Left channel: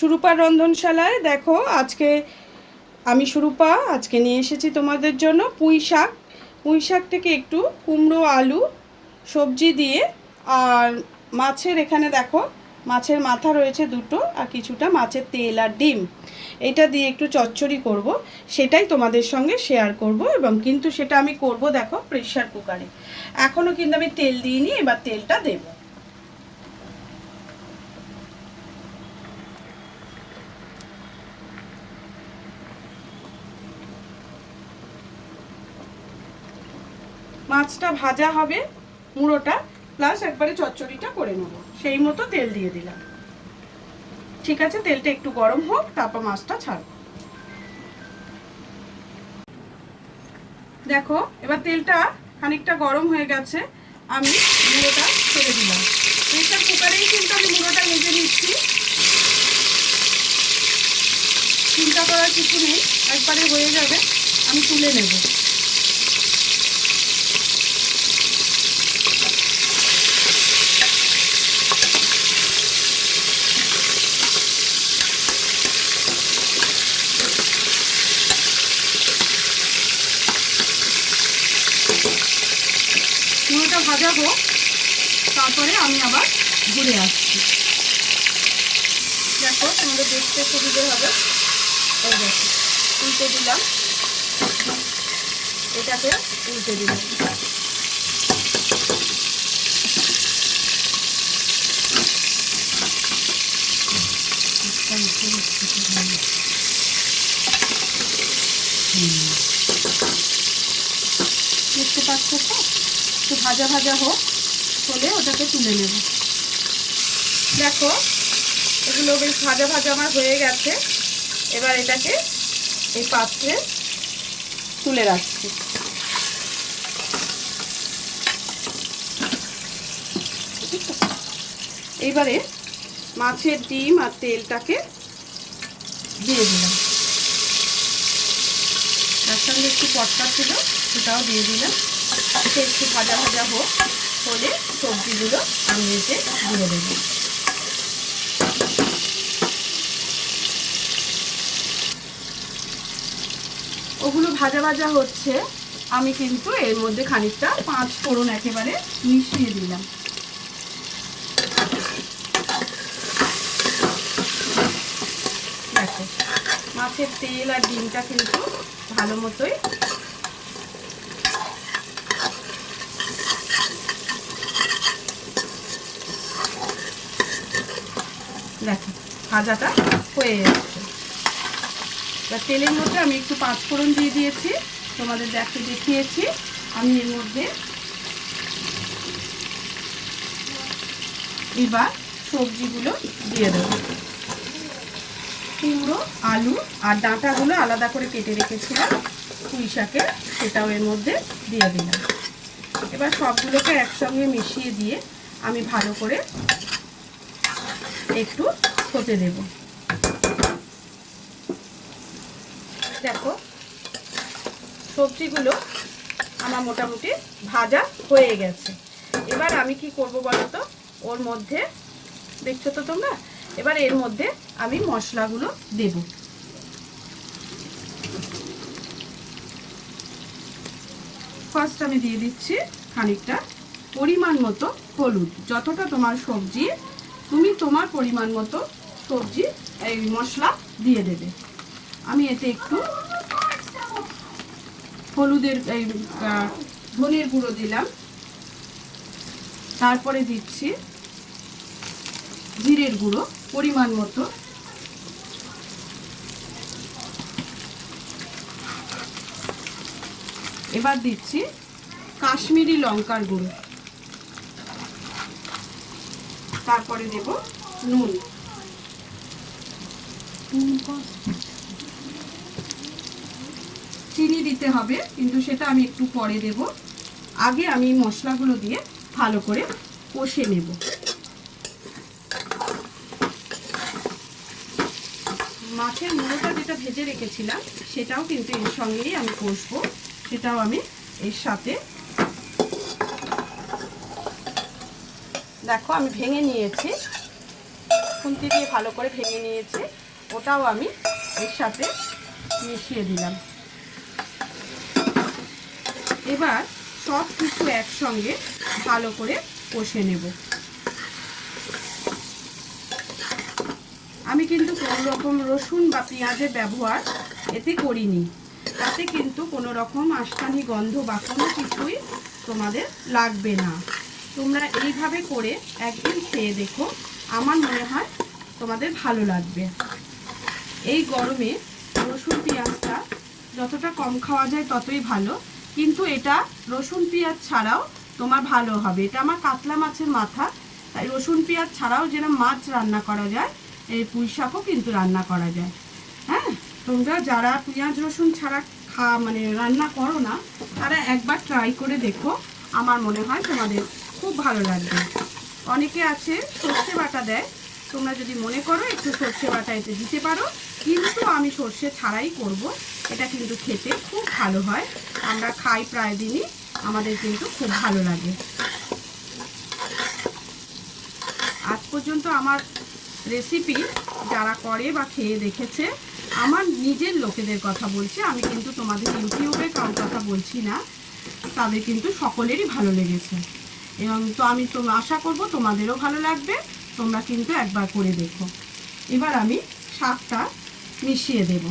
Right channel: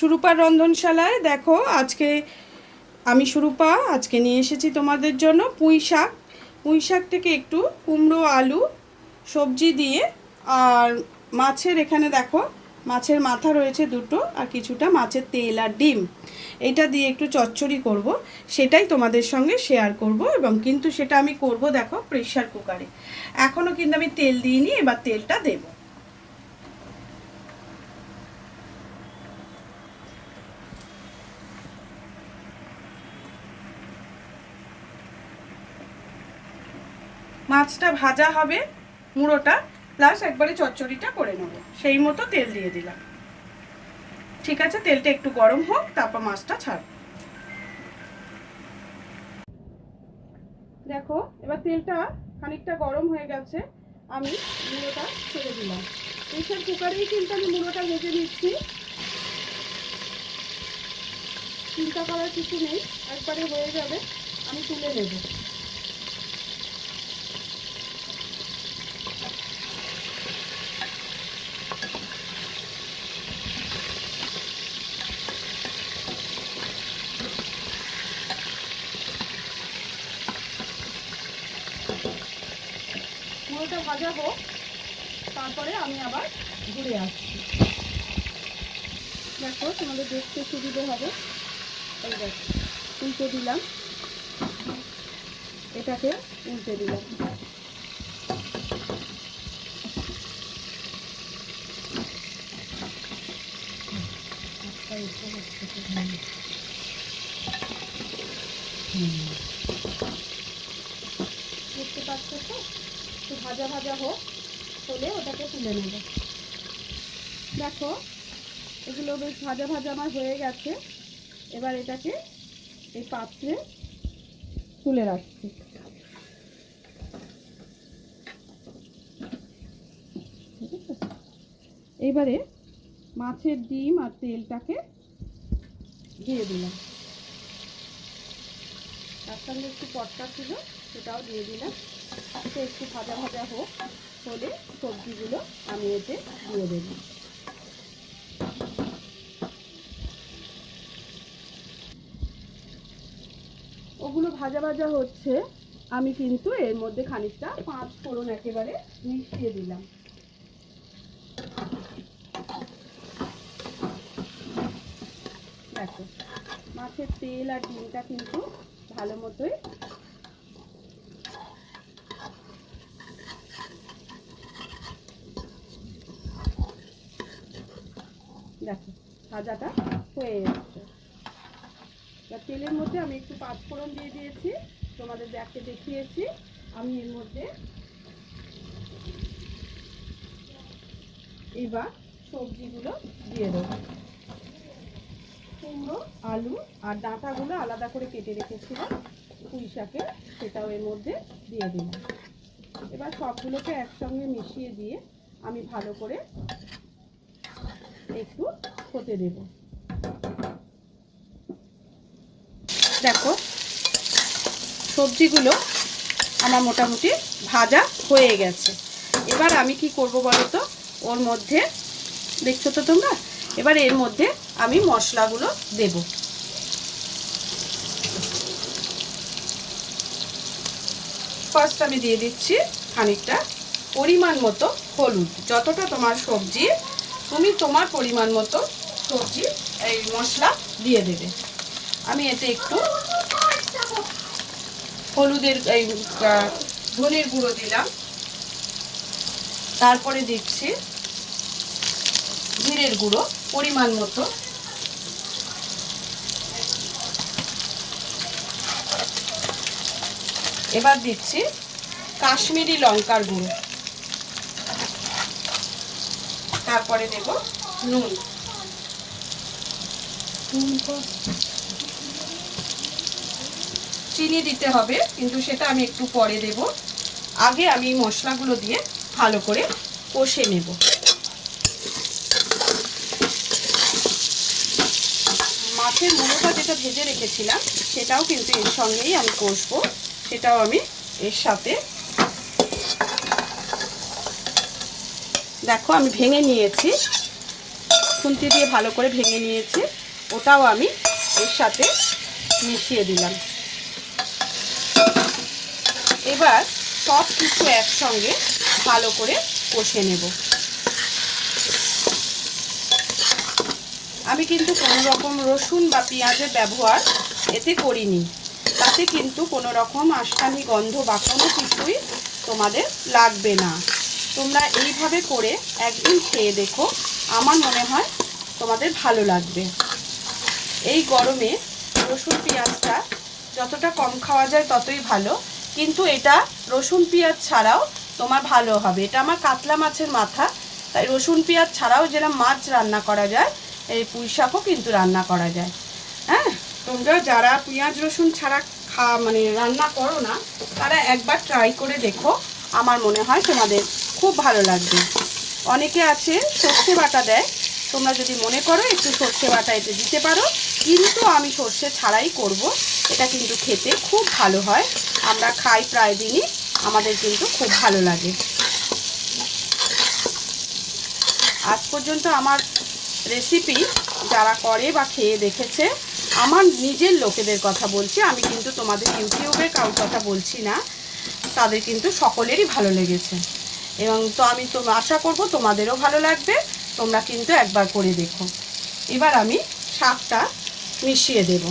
সুরূপার রন্ধনশালায় দেখো আজকে আমি সুরূপা আজকে নিয়ে এসেছি তোমাদের জন্য পুঁই শাক। পুঁই শাক থেকে একটু কুমড়ো আলু সবজি দিয়ে আর মাছের এখানে দেখো মাছের মাথা রয়েছে দুটো আর কিছুটা মাছের তেল আর ডিম, এটা দিয়ে একটু চচ্চড়ি করব, সেটাই তোমাদের সঙ্গে শেয়ার করব। এবং কিন্তু সেটা আমি করব দেখো প্রেসার কুকারে। এখনও কিন্তু আমি তেল দিইনি, এবার তেলটা দেবো। মাছটা ভাজা হবে, মুড়োটা প্লাস একবারে চচ্চড়িটা করে নেব, সেই মতো তেল দিয়ে দিলাম। ঠিক আছে, তেলটা একটু গরম হোক, তারপর মাছটা ছাড়ব। দেখো এবার তেলটা খানিকটা গরম হয়ে গেছে, আমি মুড়োটা ছেড়ে দিলাম। প্রেসার কুকারেই কিন্তু আমি মুড়োটা ভেজে নিচ্ছি, চিন্তা করার কিছু নেই, একবারে হয়ে যাবে। আমি তুলে নেব। মুড়োটা ভাজা হোক, তারপরে আমি আবার ঘুরে আসছি। দেখো তোমাদের দেখতে সুবিধে হবে। এই দেখো উল্টে দিলাম, এটাকে উল্টে দিলাম। দেখতে পাচ্ছ তো, একটু ভাজা ভাজা হোক, হলে ওটাকে তুলে নেব। দেখো এগুলো বেশ ভাজা ভাজা আমার হয়ে গেছে, এবার এটাকে এই পাত্রে তুলে রাখছি। এইবারে মাছের ডিম আর তেলটাকে দিয়ে দিলাম, তার সঙ্গে একটু পটকা ছিল সেটাও দিয়ে দিলাম। একটু ভাজা ভাজা হোক, হলে সবজিগুলো আমি এতে দিয়ে দেবো। ওগুলো ভাজা ভাজা হচ্ছে, আমি কিন্তু এর মধ্যে খানিকটা 5 ফোড়ন একেবারে মিশিয়ে দিলাম। দেখো মাছের তেল আর ডিমটা কিন্তু ভালো মতোই দেখো ভাজাটা হয়ে যাচ্ছে। এবার তেলের মধ্যে আমি একটু 5 ফোড়ন দিয়ে দিয়েছি, তোমাদের দেখিয়েছি। আমি এর মধ্যে এবার সবজিগুলো দিয়ে দেবো। কুমড়ো আলু আর ডাঁটাগুলো আলাদা করে কেটে রেখেছিলাম পুঁই শাকের, সেটাও এর মধ্যে দিয়ে দিলাম। এবার সবগুলোকে একসঙ্গে মিশিয়ে দিয়ে আমি ভালো করে একটু হতে দেব। দেখো সবজিগুলো আমার মোটামুটি ভাজা হয়ে গেছে। এবার আমি কি করব বলো তো, ওর মধ্যে দেখছো তো তোমরা, এবার এর মধ্যে আমি মশলাগুলো দেব। ফার্স্ট আমি দিয়ে দিচ্ছি খানিকটা পরিমাণ মতো হলুদ। যতটা তোমার সবজি, তুমি তোমার পরিমাণ মতো সবজি এই মশলা দিয়ে দেবে। আমি এতে একটু হলুদের এই ধনের গুঁড়ো দিলাম, তারপরে দিচ্ছি জিরের গুঁড়ো পরিমাণ মতো, এবার দিচ্ছি কাশ্মীরি লঙ্কার গুঁড়ো, তারপরে দেব নুন। চিনি দিতে হবে, কিন্তু সেটা আমি একটু পরে দেব। আগে আমি মশলাগুলো দিয়ে ভালো করে কষে নেব। মাছের মুড়োটা যেটা ভেজে রেখেছিলাম সেটাও কিন্তু এর সঙ্গেই আমি কষবো, সেটাও আমি এর সাথে দেখো আমি ভেঙে নিয়েছি। খুন্তি দিয়ে ভালো করে ভেঙে নিয়েছি, ওটাও আমি এর সাথে মিশিয়ে দিলাম। এবার সব কিছু একসঙ্গে ভালো করে কষে নেব। আমি কিন্তু কোনো রকম রসুন বা পেঁয়াজের ব্যবহার এতে করিনি, তাতে কিন্তু কোনো রকম আষ্টানি গন্ধ বা কোনো কিছুই তোমাদের লাগবে না। তোমরা এইভাবে করে একদিন খেয়ে দেখো, আমার মনে হয় তোমাদের ভালো লাগবে। এই গরমে রসুন পেঁয়াজটা যতটা কম খাওয়া যায় ততই ভালো, কিন্তু এটা রসুন পেঁয়াজ ছাড়াও তোমার ভালো হবে। এটা আমার কাতলা মাছের মাথা, তাই রসুন পেঁয়াজ ছাড়াও যেরকম মাছ রান্না করা যায়, এই পুঁই শাকও কিন্তু রান্না করা যায়। হ্যাঁ, তোমরা যারা পেঁয়াজ রসুন ছাড়া রান্না করো না, তারা একবার ট্রাই করে দেখো, আমার মনে হয় তোমাদের খুব ভালো লাগবে। অনেকে আছে সর্ষে বাটা দেয়, তোমরা যদি মনে করো একটু সর্ষে বাটা এতে দিতে পারো, কিন্তু আমি সর্ষে ছাড়াই করব। এটা কিন্তু খেতে খুব ভালো হয়, আমরা খাই প্রায় দিনই, আমাদের কিন্তু খুব ভালো লাগে। আজ পর্যন্ত আমার রেসিপি যারা করে বা খেয়ে দেখেছে, আমার নিজের লোকেদের কথা বলছি, আমি কিন্তু তোমাদের ইউটিউবে কারোর কথা বলছি না, তাদের কিন্তু সকলেরই ভালো লেগেছে, এবং তো আমি তো আশা করব তোমাদেরও ভালো লাগবে। তোমরা কিন্তু একবার করে দেখো। এবার আমি শাকটা মিশিয়ে দেব।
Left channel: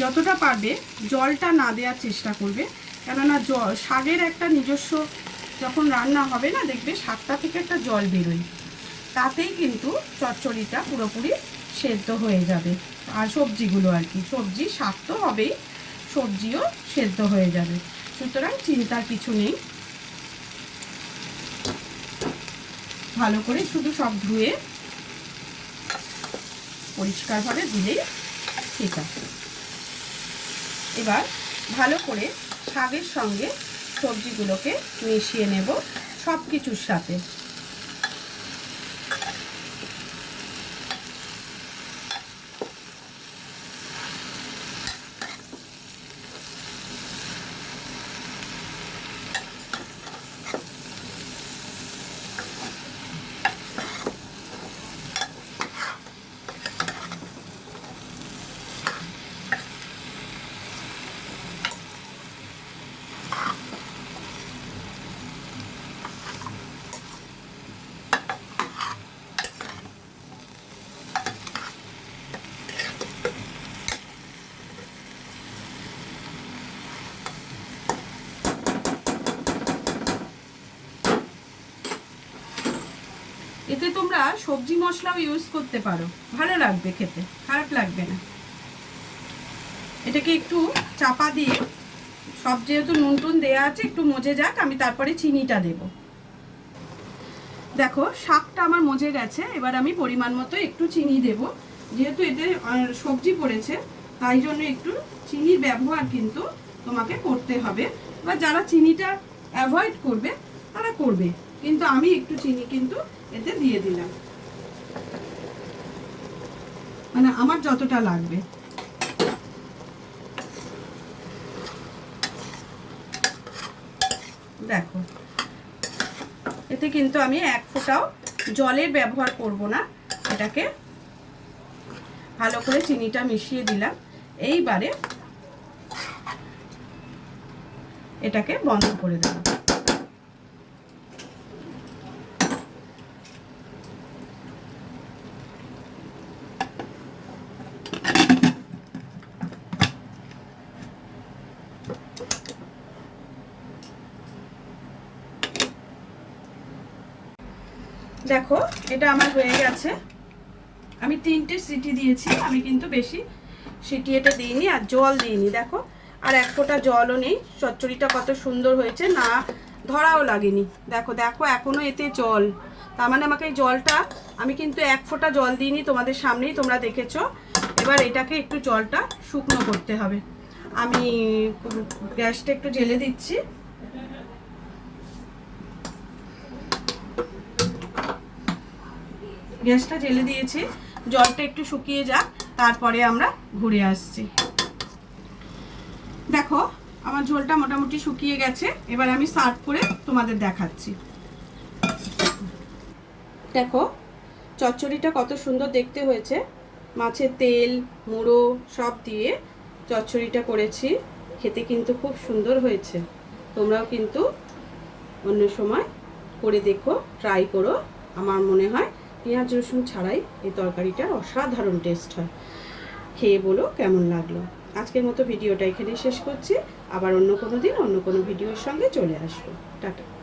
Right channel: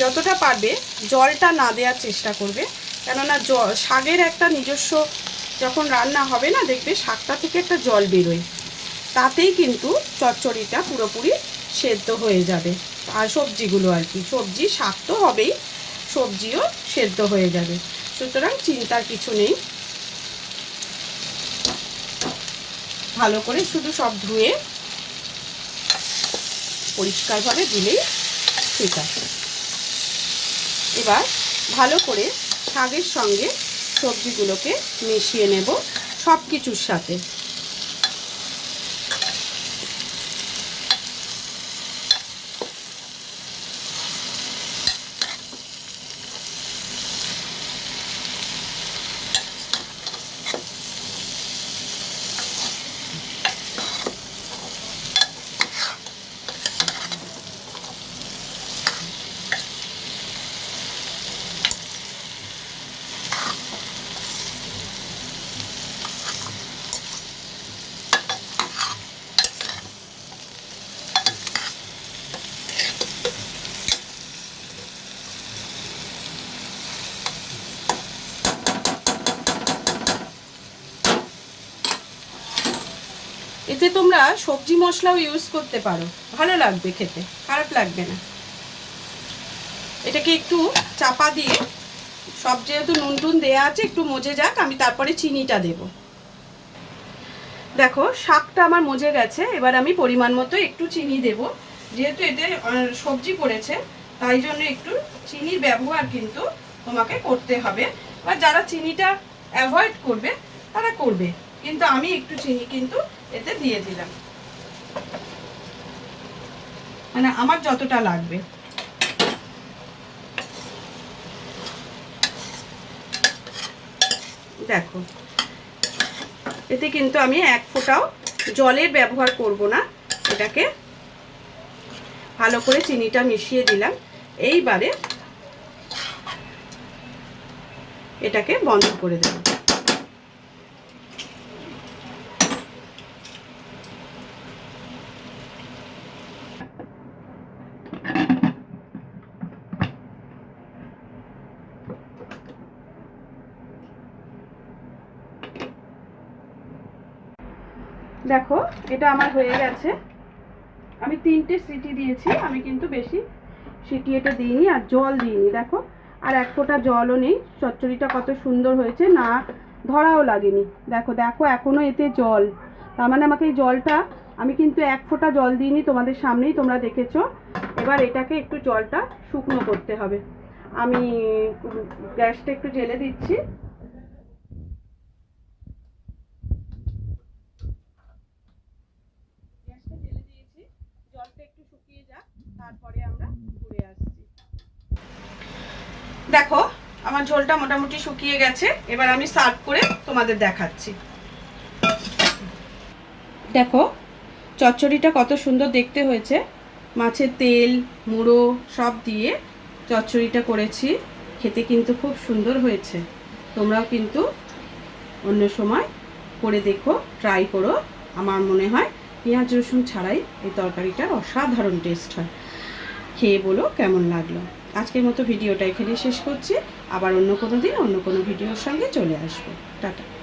যতটা পারবে জলটা না দেওয়ার চেষ্টা করবে, কেননা শাকের একটা নিজস্ব যখন রান্না হবে না, দেখবে শাকটা থেকে একটা জল বেরোয়, তাতেই কিন্তু চচ্চড়িটা পুরোপুরি সেদ্ধ হয়ে যাবে। আর সবজিগুলো আর কি, সবজি শাক তো হবেই, সবজিও সেদ্ধ হয়ে যাবে, সুতরাং চিন্তার কিছু নেই। ভালো করে শুধু সব ধুয়ে পরিষ্কারভাবে দিলেই ঠিক আছে। এবার ভালো করে শাকের সঙ্গে সবজিগুলোকে মিশিয়ে নেব সব কিছুর সাথে। এতে তোমরা সবজি মশলাও ইউজ করতে পারো, ভালো লাগবে খেতে, খারাপ লাগবে না। এটাকে একটু চাপা দিয়ে, সব যেহেতু নুন টুন দেওয়া আছে, একটু মজে যাক, আমি তারপরে চিনিটা দেব। দেখো শাকটা আমার মজে গেছে, এবার আমি পরিমাণ মতো একটু চিনি দেব। যেহেতু এতে সবজি পড়েছে, তাই জন্য একটু চিনির ব্যবহার কিন্তু তোমাকে করতে হবে, বা যারা চিনিটা অ্যাভয়েড করবে তারা করবে, কিন্তু আমি একটু চিনি কিন্তু এতে দিয়ে দিলাম, মানে আমার যতটা লাগবে। দেখো এতে কিন্তু আমি এক ফোঁটাও জলের ব্যবহার করব না, এটাকে ভালো করে চিনিটা মিশিয়ে দিলাম। এইবারে এটাকে বন্ধ করে দেব। দেখো এটা আমার হয়ে গেছে, আমি 3টে সিটি দিয়েছি, আমি কিন্তু বেশি সিটি এটা দিইনি, আর জল দিইনি। দেখো আর এক ফোঁটা জলও নেই, চচ্চড়িটা কত সুন্দর হয়েছে, না ধরাও লাগেনি। দেখো দেখো এখনও এতে জল, তার মানে আমাকে এই জলটা, আমি কিন্তু এক ফোঁটা জল দিইনি, তোমাদের সামনেই তোমরা দেখেছো। এবার এটাকে একটু জলটা শুকনো করতে হবে। আমি গ্যাসটা একটু জেলে দিচ্ছি। গ্যাসটা জেলে দিয়েছি, জলটা একটু শুকিয়ে যাক, তারপরে আমরা ঘুরে আসছি। দেখো আমার ঝোলটা মোটামুটি শুকিয়ে গেছে, এবার আমি সার্ভ করে তোমাদের দেখাচ্ছি। দেখো চচ্চড়িটা কত সুন্দর দেখতে হয়েছে, মাছের তেল মুড়ো সব দিয়ে চচ্চড়িটা করেছি, খেতে কিন্তু খুব সুন্দর হয়েছে। তোমরাও কিন্তু অন্য সময় করে দেখো, ট্রাই করো। আমার মনে হয় পেঁয়াজ রসুন ছাড়াই এই তরকারিটার অসাধারণ টেস্ট হয়। খেয়ে বলো কেমন লাগলো। আজকের মতো ভিডিওটা এখানে শেষ করছি, আবার অন্য কোনো দিন অন্য কোনো ভিডিওর সঙ্গে চলে আসবো। টাটা।